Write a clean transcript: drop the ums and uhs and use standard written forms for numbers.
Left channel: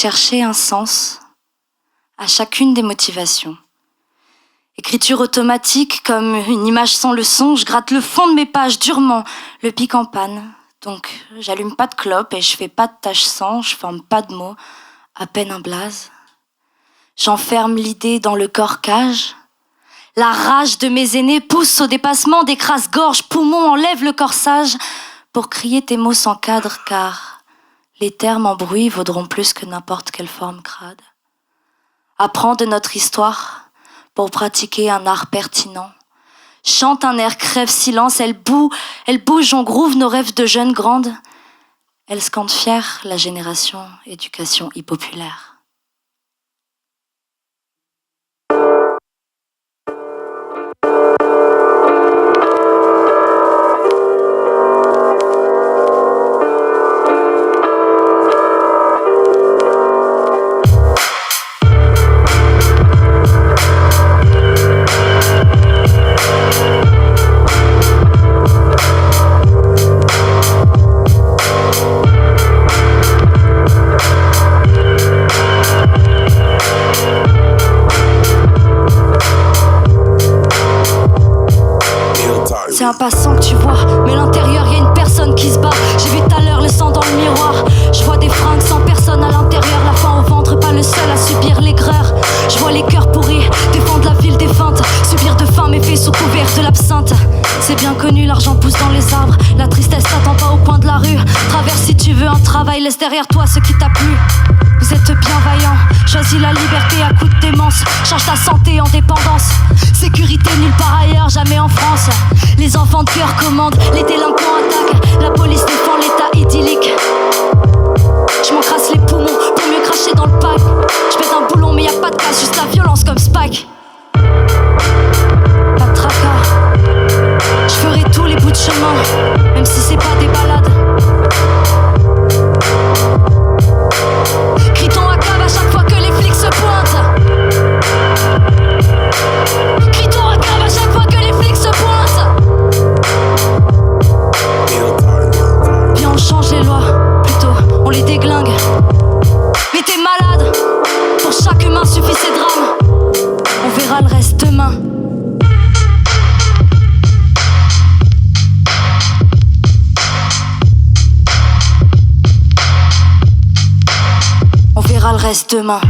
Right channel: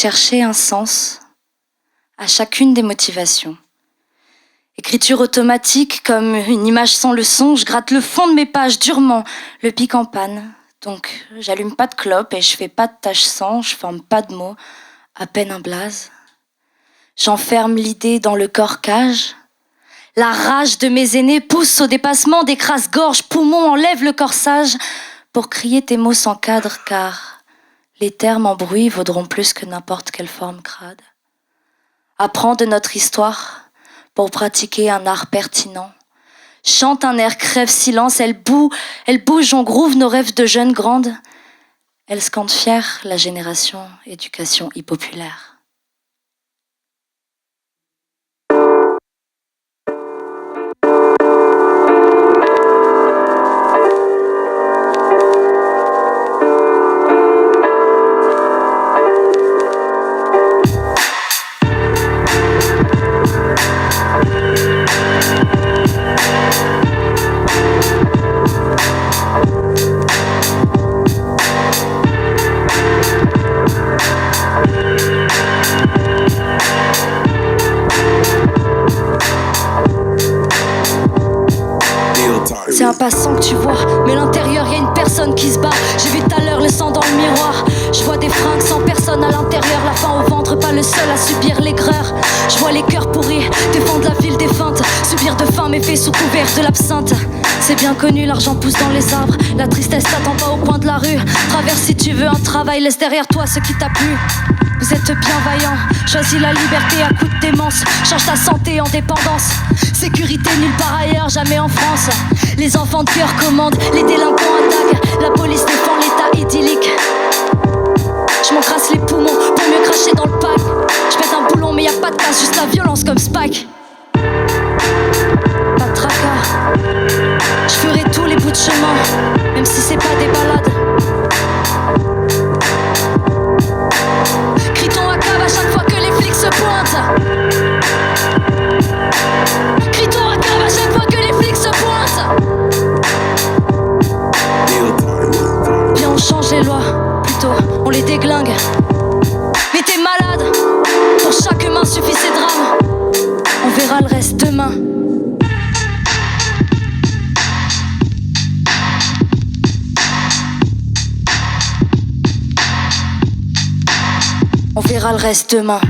chercher un sens à chacune des motivations. Écriture automatique comme une image sans le son, je gratte le fond de mes pages durement, le pic en panne. Donc j'allume pas de clope et je fais pas de tache sang, je forme pas de mots, à peine un blaze. J'enferme l'idée dans le corps cage. La rage de mes aînés pousse au dépassement des crasses gorges, poumons, enlève le corsage pour crier tes mots sans cadre, car les termes en bruit vaudront plus que n'importe quelle forme crade. Apprends de notre histoire pour pratiquer un art pertinent. Chante un air, crève silence, elle bouge, on groove nos rêves de jeunes grandes. Elle scande fière la génération éducation impopulaire. C'est un passant que tu vois, mais l'intérieur y a une personne qui se bat. J'ai vu tout à l'heure le sang dans le miroir. Je vois des fringues sans personne à l'intérieur, la faim au ventre, pas le seul à subir l'aigreur. Je vois les cœurs pourris, défendre la ville défunte, subir de faim méfaits sous couvert de l'absinthe. C'est bien connu, l'argent pousse dans les arbres, la tristesse t'attend pas au coin de la rue. Traverse si tu veux un travail, laisse derrière toi ce qui t'a plu. Vous êtes bien vaillants, choisis la liberté à coup de démence. Change ta santé en dépendance. Sécurité nulle part ailleurs, jamais en France. Les enfants de cœur commandent, les délinquants attaquent. La police défend l'état idyllique. Je m'encrasse les poumons pour mieux cracher dans le pack. Je pète un boulon mais y a pas de casse, juste la violence comme Spike. Pas de tracas. Je ferai tous les bouts de chemin, même si c'est pas des balades. Crie ton ACAB à chaque fois que les flics se pointent. Crie ton ACAB à chaque fois que les flics se pointent. Viens on change les lois, plutôt on les déglingue. Mais t'es malade, pour chaque humain suffit ses drames. On verra le reste demain. On verra le reste demain.